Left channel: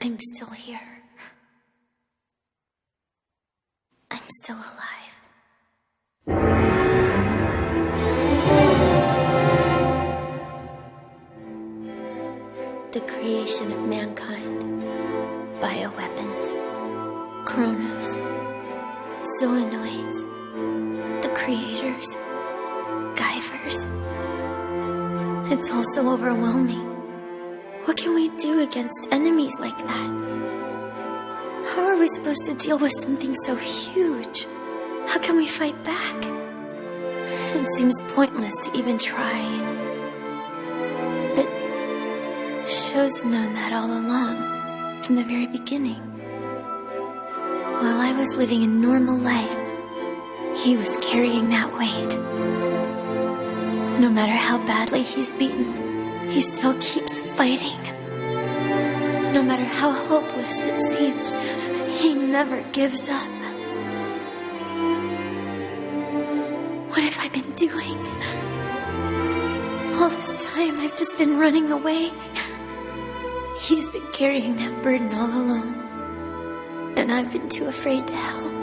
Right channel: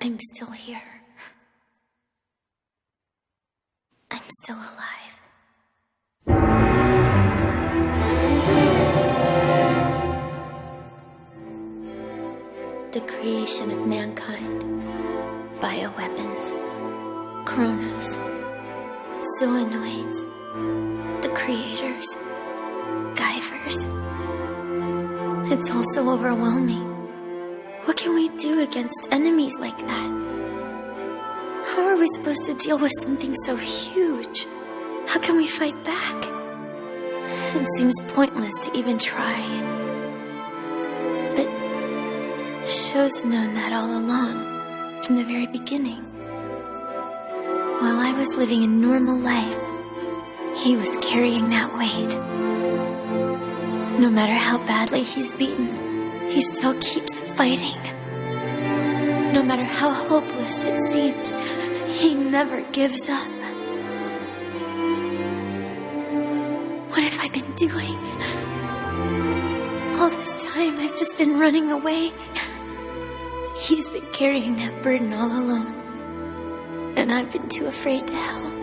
I'm still here. I'm still alive. The creation of mankind, bioweapons, chronos, zoonoids, the creators, Guyvers. It's all so overwhelming. What can we do against enemies like that? How are we supposed to deal with something so huge? How can we fight back? It seems pointless to even try. But Sho's known that all along, from the very beginning. While I was living a normal life, he was carrying that weight. No matter how badly he's beaten, he still keeps fighting. No matter how hopeless it seems, he never gives up. What have I been doing? All this time I've just been running away. He's been carrying that burden all alone, and I've been too afraid to help.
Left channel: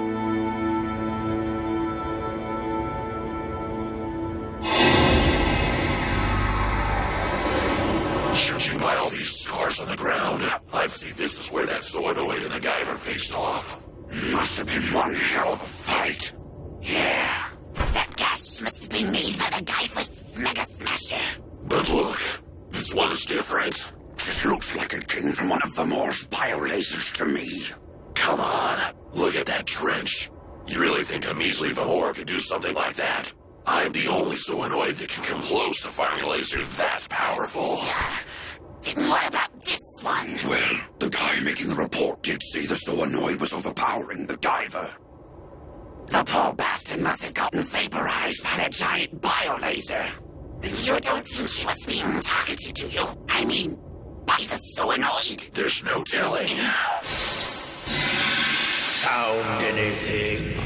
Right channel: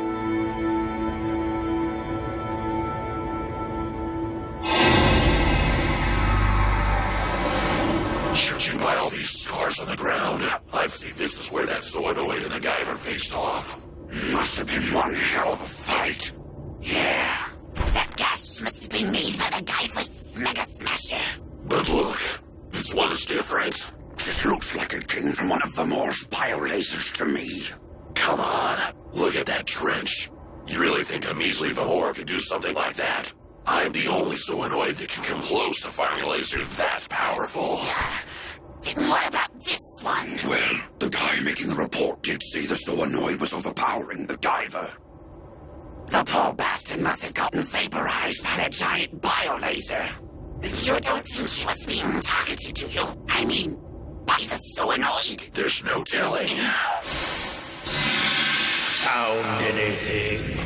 Judging by all these scars on the ground, I'd say this is where that zoonoid and the Guyver faced off. Must have been one hell of a fight. Yeah, that gas must have been made by the Guyver's Mega Smasher. But look, this one is different. This looks like it came from one of Vamor's biolasers to me. Come on, look at that trench. You really think a measly Vamor could do something like that? I'm the only zoonoid that can come close to firing a laser that powerful. Then what about this one? Well, the guy making the report did say the zoonoid was overpowering the Guyver. The poor bastard must have gotten vaporized by the giant biolaser. You don't think he was being targeted, do you? I mean, by the zoonoid? There's no telling. Found anything?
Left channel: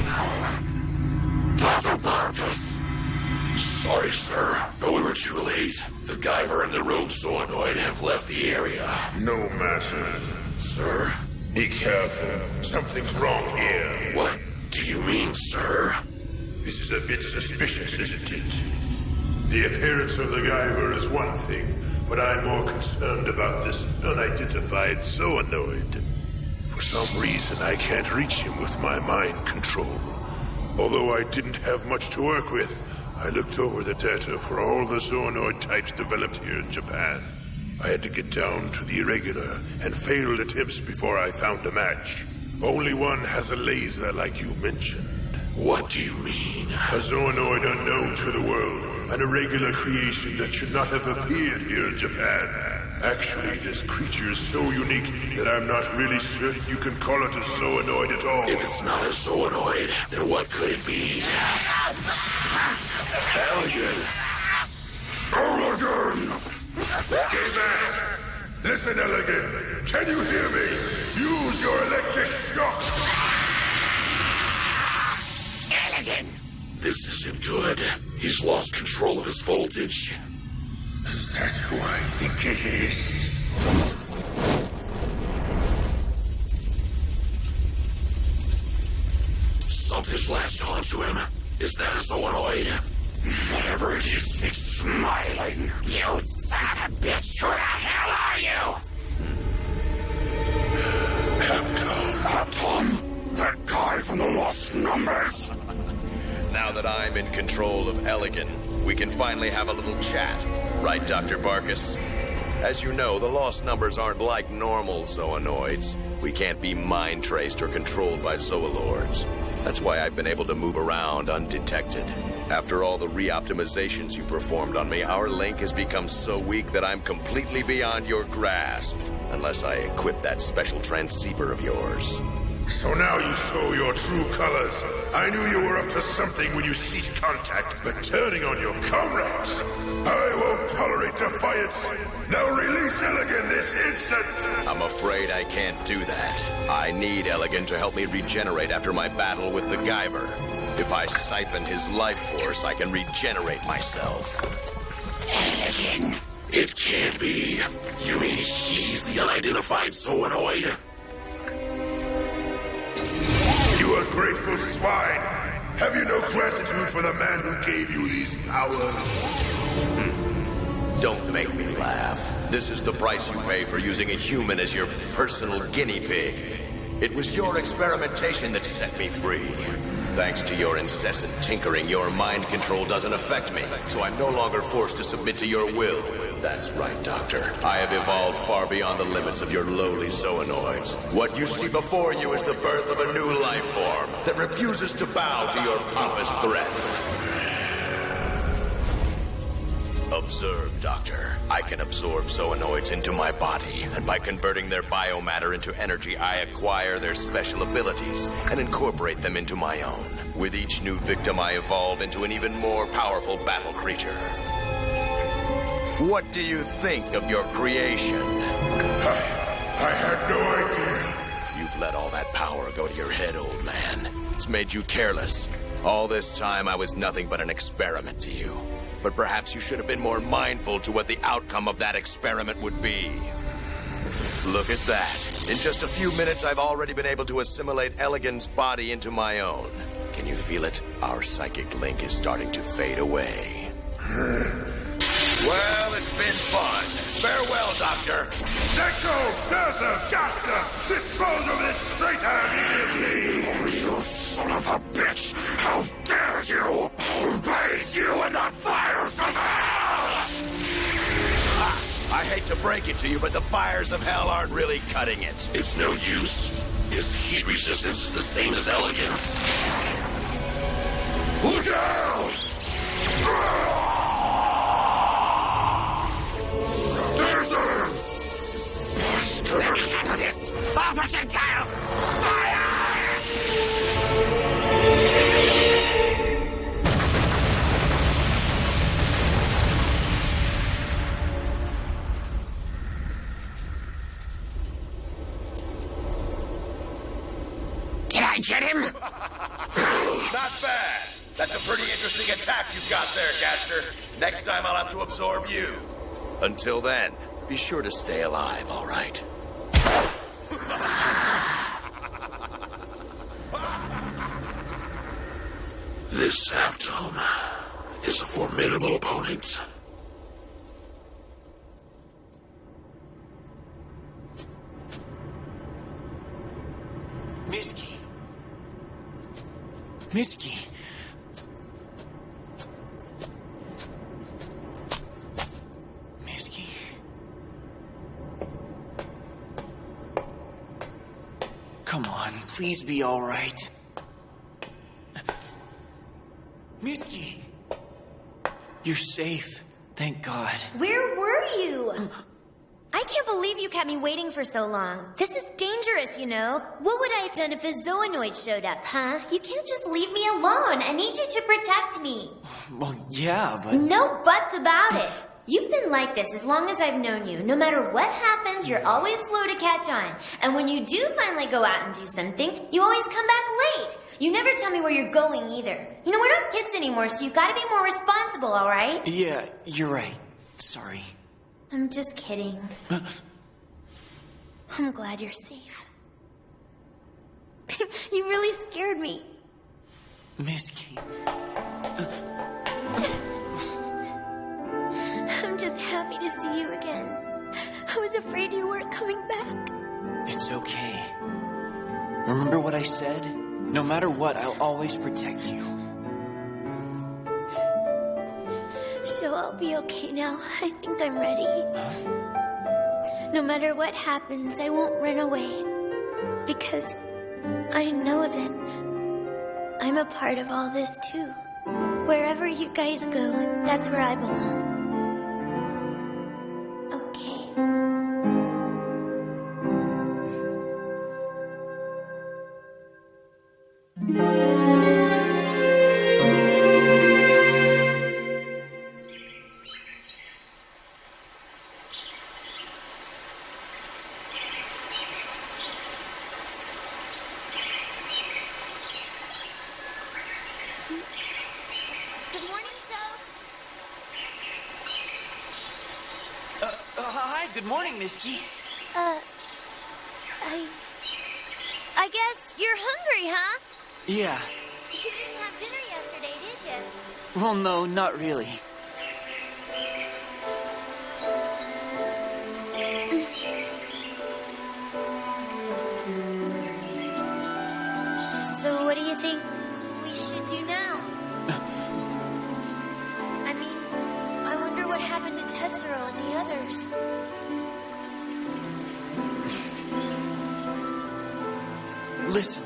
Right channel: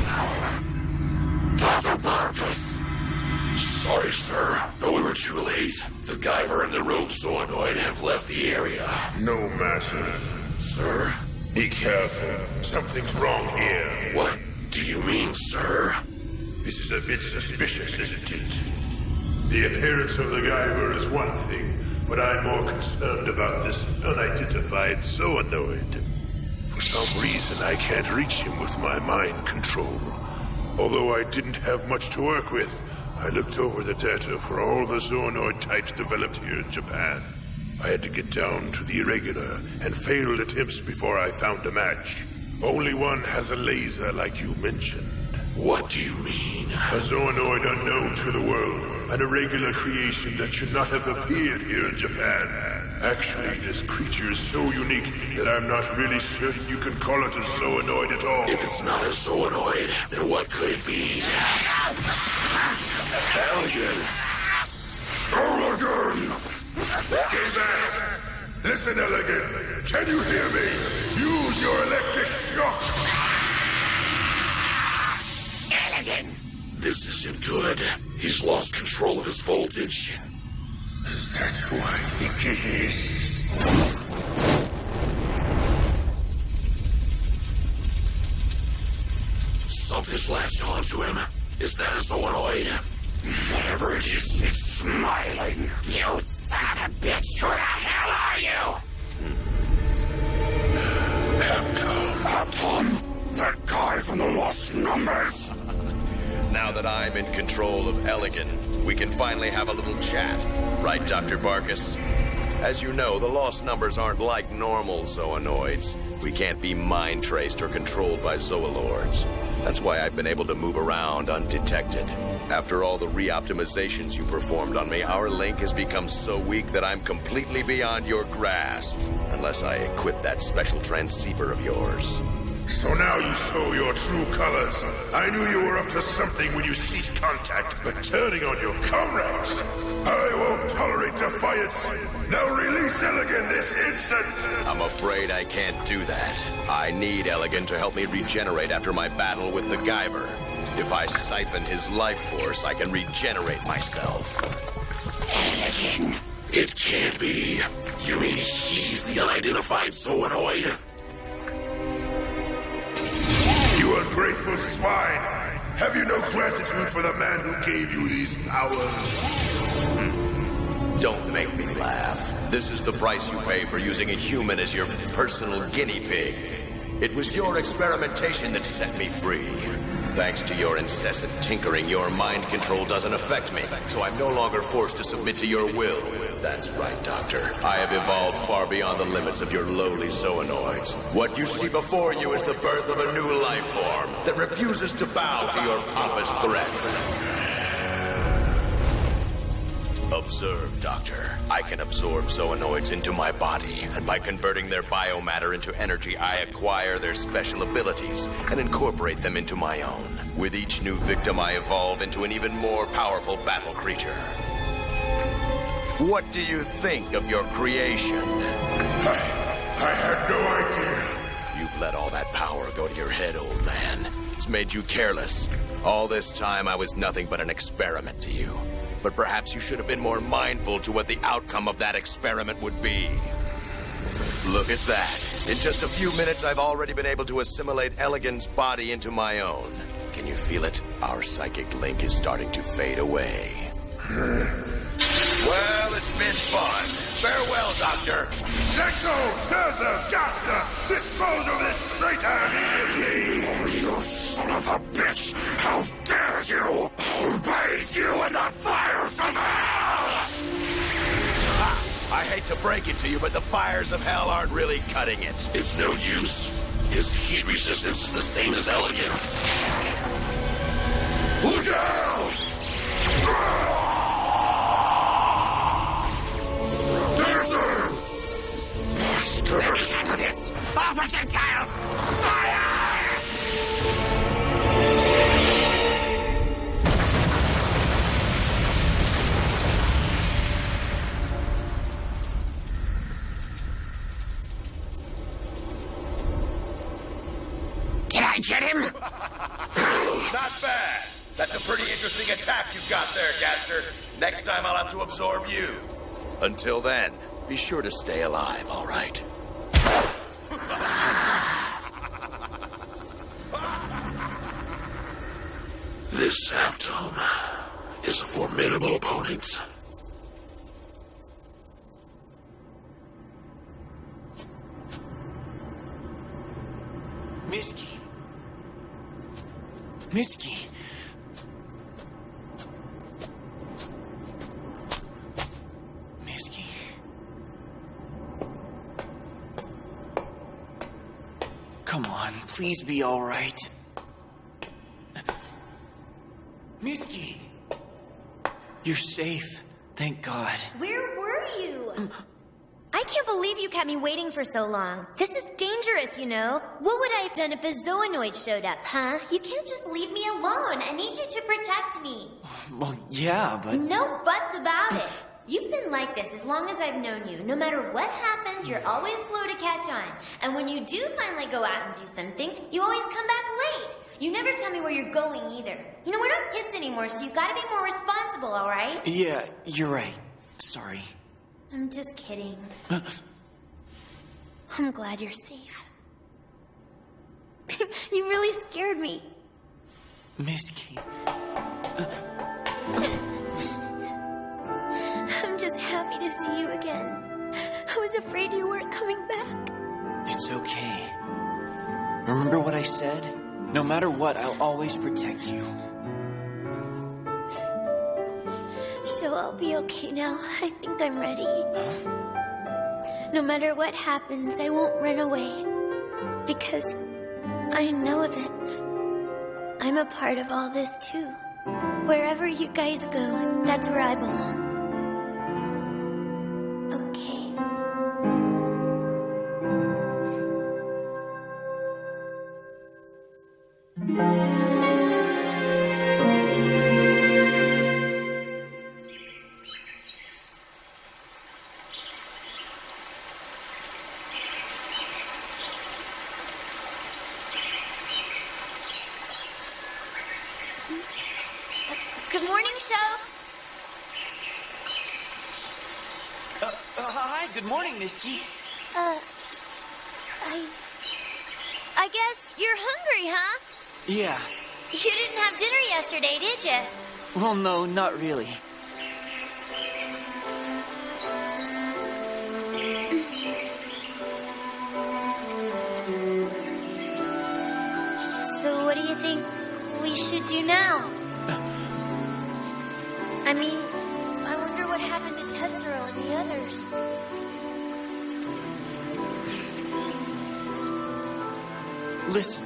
Dr. Barkus. Sorry, sir, but we were too late. The Guyver and the rogue zoonoid have left the area. No matter. Sir? Be careful. Something's wrong here. What do you mean, sir? This is a bit suspicious, isn't it? The appearance of the Guyver is one thing, but I'm more concerned about this unidentified zoonoid. For some reason, I can't reach him with my mind control. Although I didn't have much to work with, I looked over the data for all the zoonoid types developed here in Japan. I had to get down to the irregular and failed attempts before I found a match. Only one has a laser like you mentioned. What do you mean? A zoonoid unknown to the world, an irregular creation that should not have appeared here in Japan. Actually, this creature is so unique that I'm not really certain you can call it a zoonoid at all. If it's not a zoonoid, then what could it be? Elgin! Elegant! Stay back! Listen, Elegant, can you hear me? Use your electric shock! Elegant! This isn't good. He's lost control of his voltage. Is that who I think it is? Something's latched onto him. Is that a zoonoid? Whatever it is, it's smiling. You son of a bitch! Who the hell are you? Tom, that guy from the Lost Numbers. Now that I'm in control of Elegant, we can finally have a little chat. Right, Dr. Barkus? As you know, the Lost Numbers aren't like normal zoonoids. We can't be mind-traced or controlled by zoolords. That's why I've been able to move around undetected. After all the re-optimizations you performed on me, our link has become so weak that I'm completely beyond your grasp. Unless I equip that special transceiver of yours. So now you show your true colors. I knew you were up to something when you ceased contact, but turning on your comrades. I won't tolerate defiance. Now release Elegant this instant! I'm afraid I can't do that. I need Elegant to help me regenerate after my battle with the Guyver. If I siphon his life force, I can regenerate myself. Elegant! It can't be. You mean he's the unidentified zoonoid? You ungrateful swine! Have you no gratitude for the man who gave you these powers? Don't make me laugh. This is the price you pay for using a human as your personal guinea pig. It was your experimentation that set me free. Thanks to your incessant tinkering, your mind control doesn't affect me, so I'm no longer forced to submit to your will. That's right, Doctor. I have evolved far beyond the limits of your lowly zoonoids. What you see before you is the birth of a new life form that refuses to bow to your pompous threats. Observe, Doctor. I can absorb zoonoids into my body, and by converting their biomatter into energy, I acquire their special abilities and incorporate them into my own. With each new victim, I evolve into an even more powerful battle creature. What do you think of your creation? I had no idea. You've let all that power go to your head, old man. It's made you careless. All this time, I was nothing but an experiment to you. But perhaps you should have been more mindful to what the outcome of that experiment would be. Look at that. In just a few minutes, I've already been able to assimilate Elegant's body into my own. Can you feel it? Our psychic link is starting to fade away. Well, it's been fun. Farewell, Doctor. Senko, Daza, Gasta, dispose of this traitor immediately! Oh, you son of a bitch! How dare you! I'll bathe you in the fires of hell! Ha! I hate to break it to you, but the fires of hell aren't really cutting it. It's no use. His heat resistance is the same as Elegance. Look out! Let me handle this! All projectiles! Fire! Did I get him? Not bad. That's a pretty interesting attack you've got there, Gaster. Next time I'll have to absorb you. Until then, be sure to stay alive, all right? This Saptome is a formidable opponent. Miski. Miski. Miski. Come on, please be all right. Miski. You're safe. Thank God. Where were you? I can't believe you kept me waiting for so long. This is dangerous, you know. What would I have done if a zoonoid showed up, huh? You can't just leave me alone. I need you to protect me. Well, yeah, but... No buts about it. You've been like this as long as I've known you. No matter what happens, you're always slow to catch on. And when you do finally go out and do something, you always come back late. You never tell me where you're going either. You know, we're not kids anymore, so you've got to be more responsible, all right? Yeah, you're right. Sorry. I'm just kidding. I'm glad you're safe. You really scared me. Miski. I'm just happy to see you again. I was afraid you weren't coming back. It's okay. Remember what I said? No matter what, I'll always protect you. So I'll be okay now. I think I'm ready. Huh? No matter what happens, I won't run away. Because I know that I'm a part of all this too. Wherever you guys go, that's where I belong. Okay. Good morning, show. Hi, good morning, Misky. I guess you're hungry, huh? Yeah. You didn't have dinner yesterday, did you? Well, no, not really. So what do you think we should do now? I mean, I wonder what happened to Tetsuro and the others. Listen,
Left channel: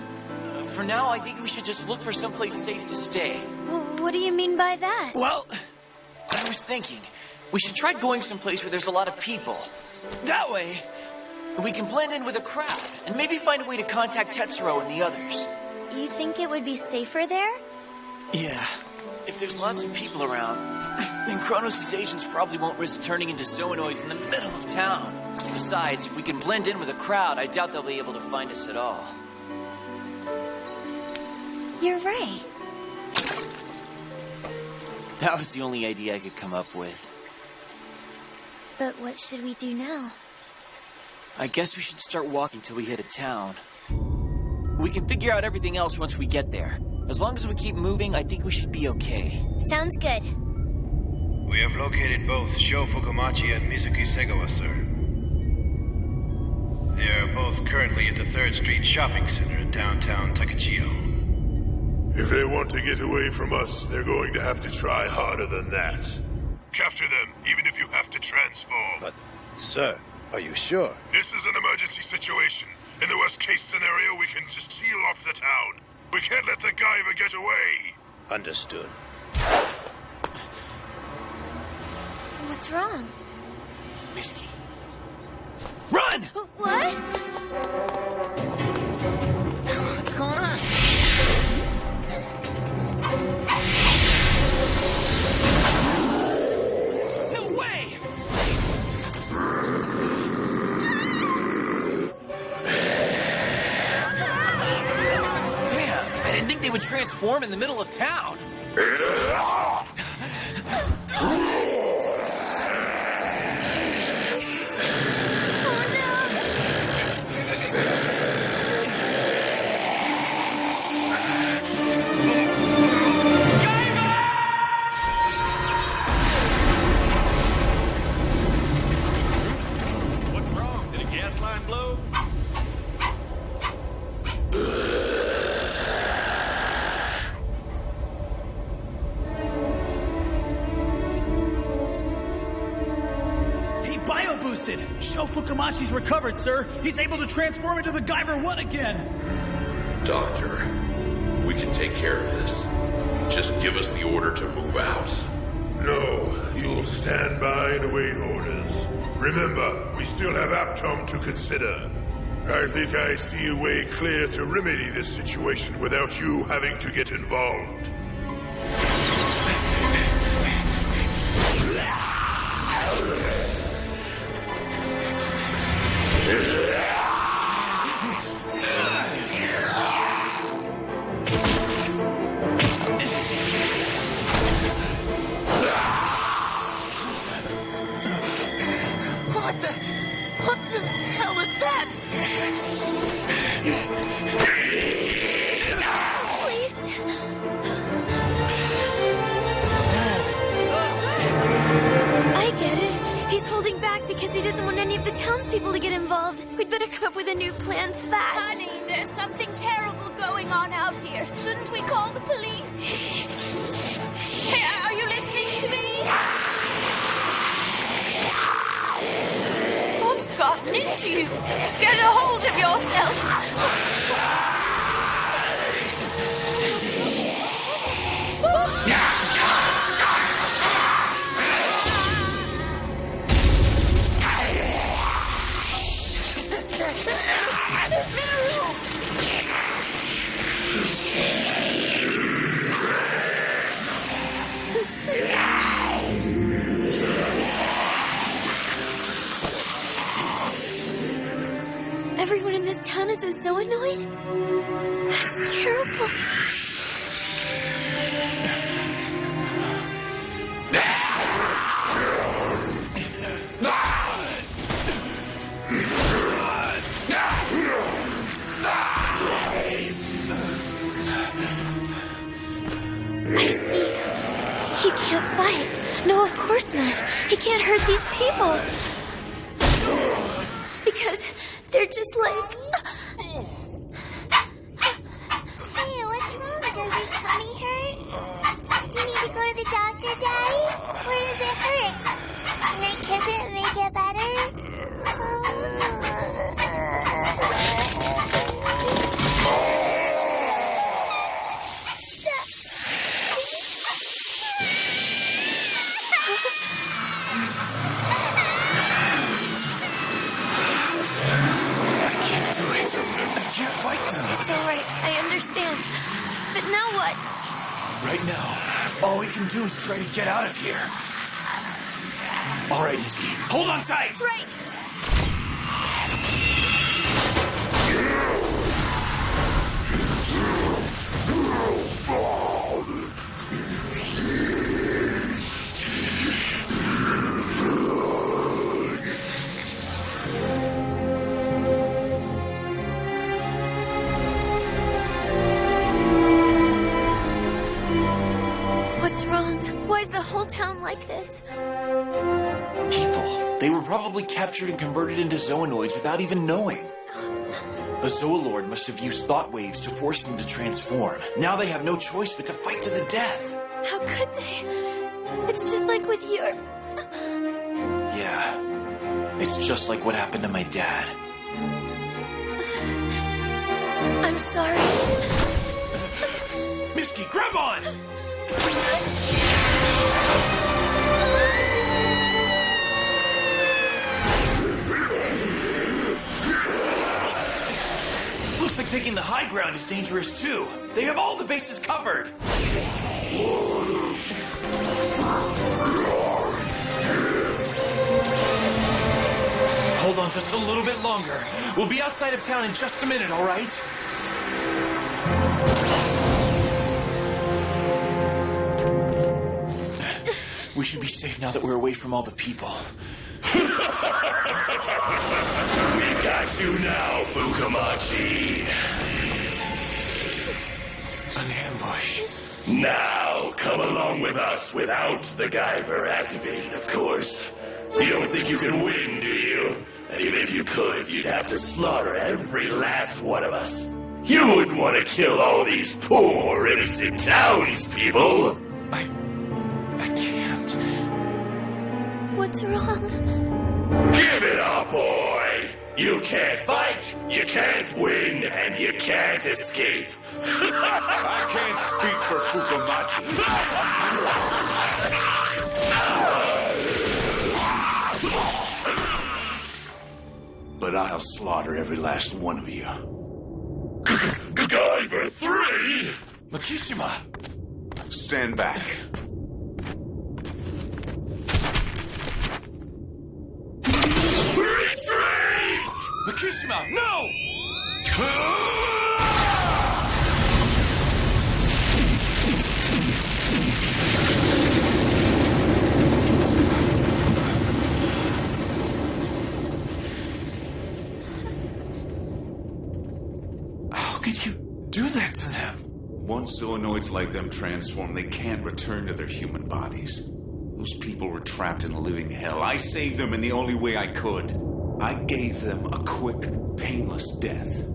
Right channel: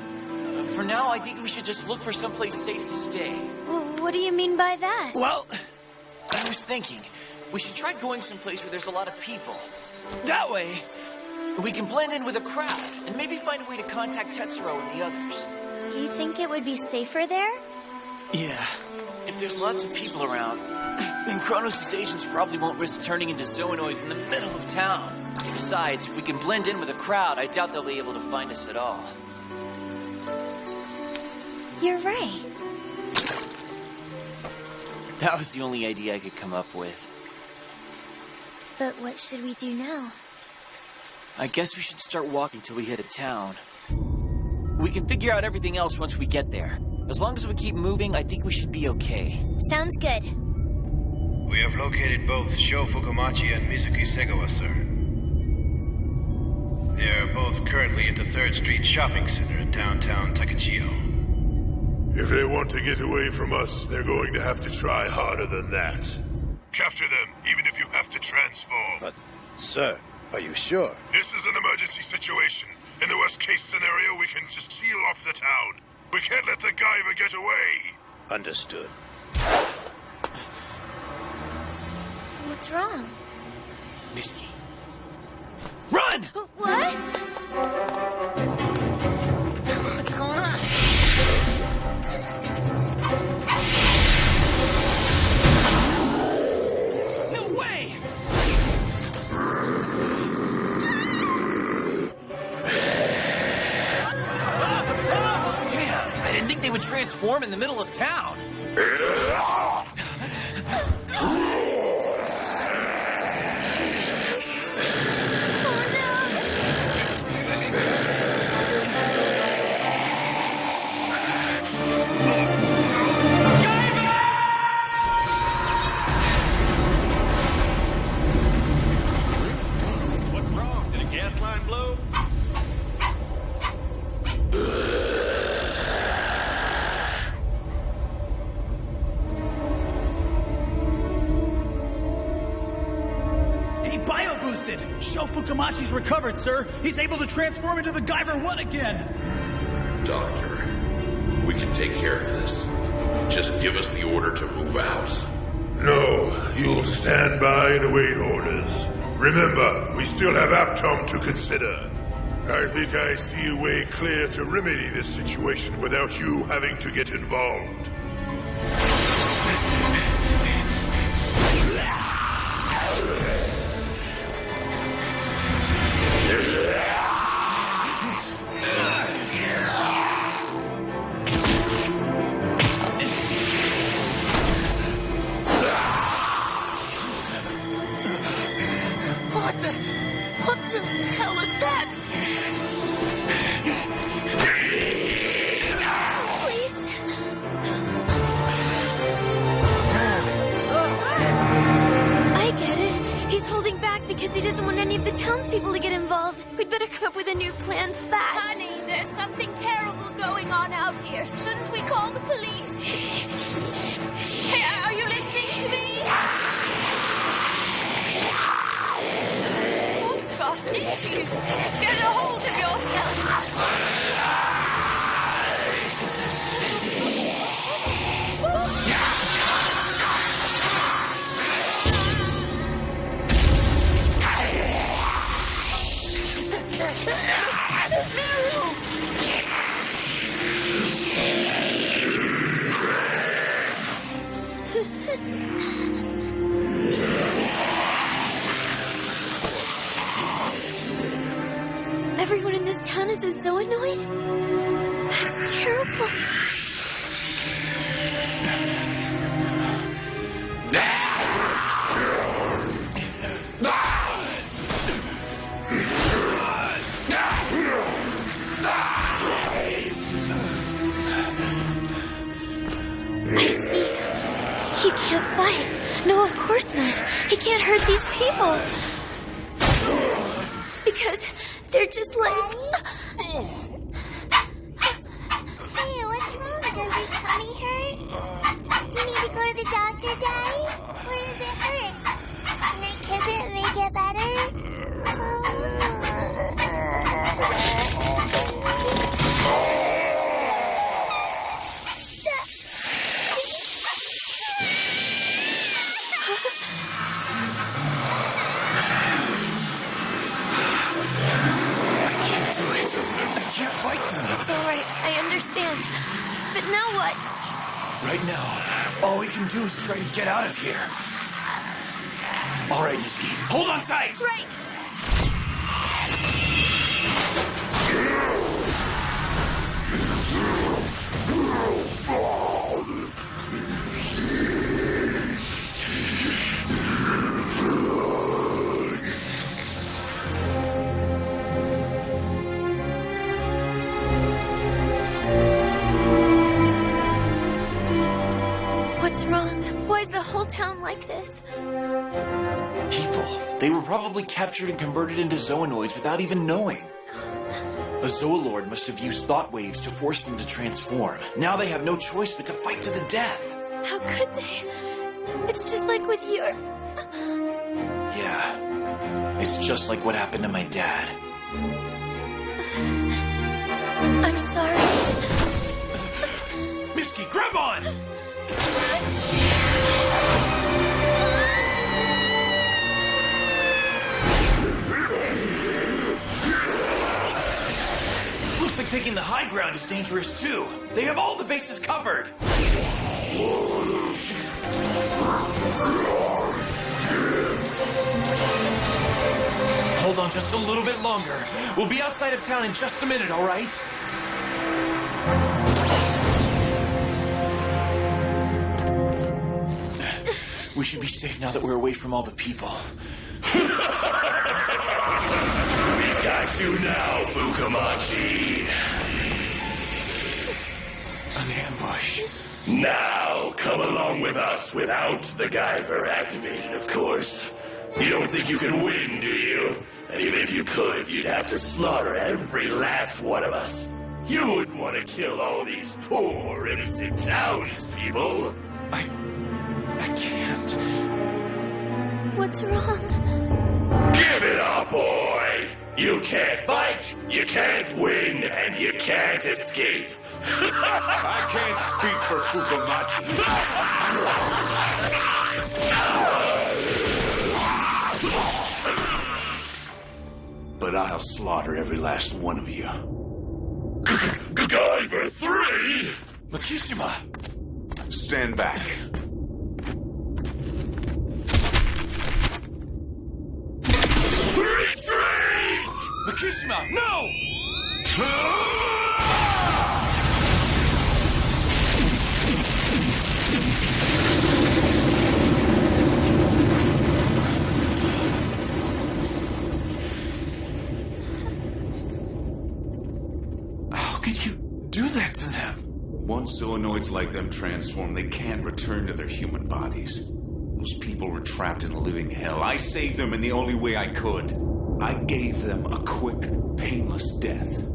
for now, I think we should just look for someplace safe to stay. What do you mean by that? Well, I was thinking, we should try going someplace where there's a lot of people. That way, we can blend in with a crowd, and maybe find a way to contact Tetsuro and the others. You think it would be safer there? Yeah. If there's lots of people around, then Kronos' agents probably won't risk turning into zoonoids in the middle of town. Besides, if we can blend in with a crowd, I doubt they'll be able to find us at all. You're right. That was the only idea I could come up with. But what should we do now? I guess we should start walking till we hit a town. We can figure out everything else once we get there. As long as we keep moving, I think we should be okay. Sounds good. We have located both Sho Fukumachi and Mizuki Segawa, sir. They are both currently at the 3rd Street Shopping Center in downtown Takachiyo. If they want to get away from us, they're going to have to try harder than that. Capture them, even if you have to transform. But, sir, are you sure? This is an emergency situation. In the worst-case scenario, we can just seal off the town. We can't let the Guyver get away. Understood. What's wrong? Misky. Run! What? What's going on? No way! Damn, I didn't think they would transform in the middle of town. What's wrong? Did a gas line blow? He bio-boosted! Sho Fukumachi's recovered, sir! He's able to transform into the Guyver 1 again! Doctor, we can take care of this. Just give us the order to move out. No, you'll stand by and await orders. Remember, we still have Aptom to consider. I think I see a way clear to remedy this situation without you having to get involved. What the hell is that? Please? I get it. He's holding back because he doesn't want any of the townspeople to get involved. We'd better come up with a new plan fast. Honey, there's something terrible going on out here. Shouldn't we call the police? Hey, are you listening to me? What's gotten into you? Get a hold of yourself. Everyone in this town is a zoonoid? That's terrible. No, of course not. He can't hurt these people. Because they're just like... Hey, what's wrong? Does your tummy hurt? Do you need to go to the doctor, Daddy? Where does it hurt? Can I kiss it and make it better? I can't fight them. It's all right. I understand. But now what? Right now, all we can do is try to get out of here. All right, Izzy, hold on tight. Right. What's wrong? Why is the whole town like this? People. They were probably captured and converted into Zoonoids without even knowing. A Zoolord must have used thought waves to force them to transform. Now they have no choice but to fight to the death. How could they? It's just like with your... Yeah. It's just like what happened to my dad. I'm sorry. Misky, grab on! Looks like taking the high ground is dangerous too. They have all the bases covered. Hold on just a little bit longer. We'll be outside of town in just a minute, all right? We should be safe now that we're away from all the people. We got you now, Fukamachi. An ambush. Now, come along with us without the Guyver activated, of course. You don't think you can win, do you? And even if you could, you'd have to slaughter every last one of us. You wouldn't want to kill all these poor, innocent townspeople. I can't. What's wrong? Give it up, boy! You can't fight, you can't win, and you can't escape. I can't speak for Fukamachi. But I'll slaughter every last one of you. Guyver 3! Makishima! Stand back. Retreat! Makishima, no! How could you do that to them? Once zoonoids like them transform, they can't return to their human bodies. Those people were trapped in a living hell. I saved them in the only way I could. I gave them a quick, painless death.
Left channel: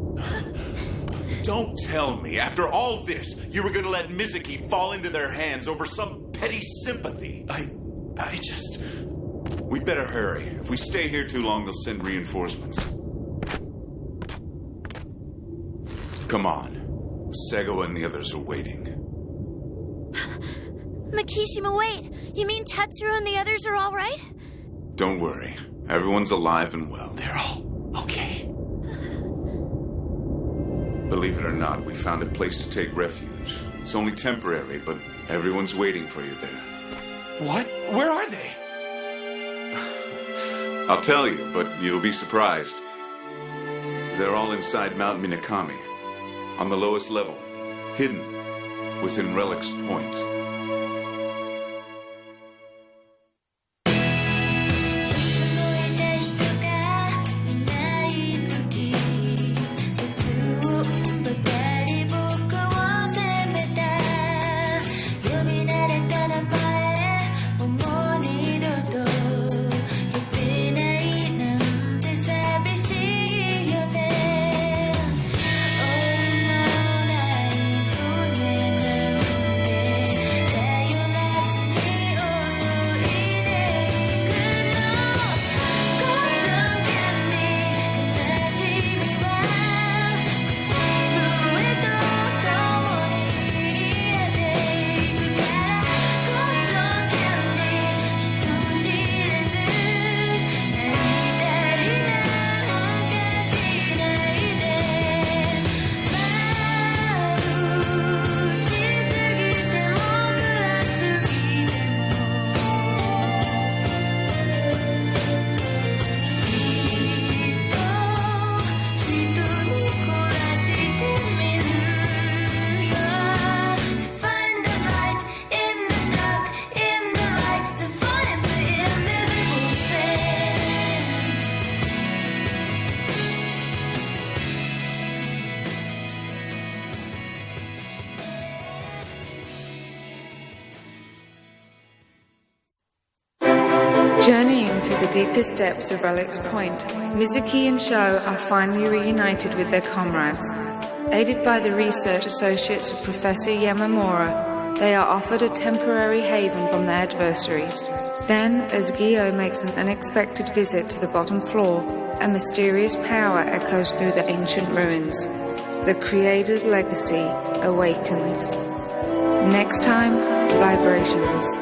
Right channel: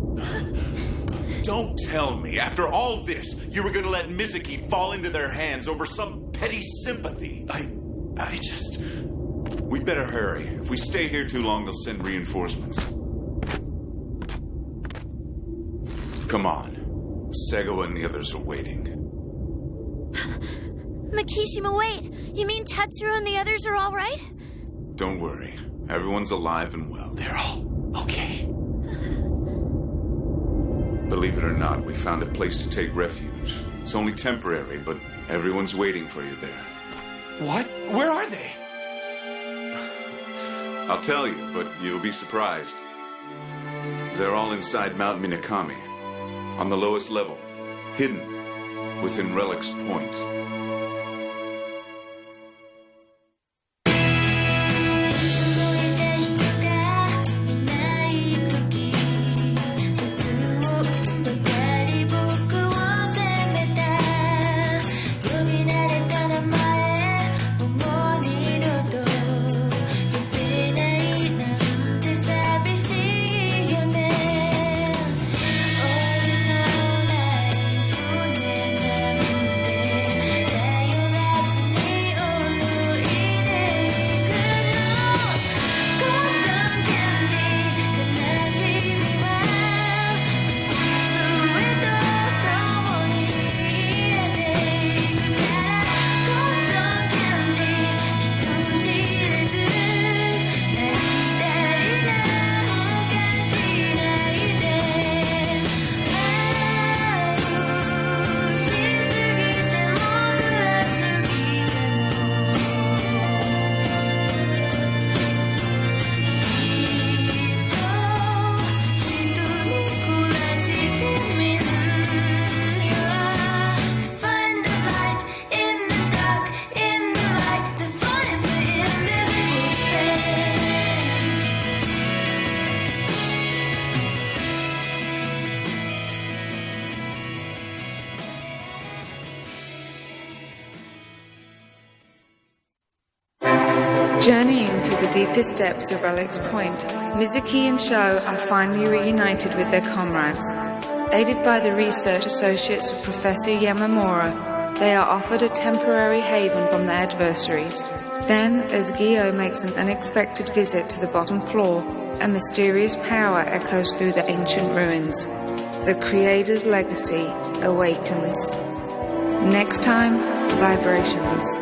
Don't tell me, after all this, you were going to let Mizuki fall into their hands over some petty sympathy. I just... We better hurry. If we stay here too long, they'll send reinforcements. Come on. Sego and the others are waiting. Makishima, wait. You mean Tetsuro and the others are all right? Don't worry. Everyone's alive and well. They're all okay. Believe it or not, we found a place to take refuge. It's only temporary, but everyone's waiting for you there. What? Where are they? I'll tell you, but you'll be surprised. They're all inside Mount Minakami, on the lowest level, hidden within Relic's Point. More Journeying to the deepest depths of Relic's Point, Mizuki and Sho are finally reunited with their comrades. Aided by the research associates of Professor Yamamura, they are offered a temporary haven from their adversaries. Then, as Gyo makes an unexpected visit to the bottom floor, a mysterious power echoes through the ancient ruins. The Creator's legacy awakens. Next time, Vibrations.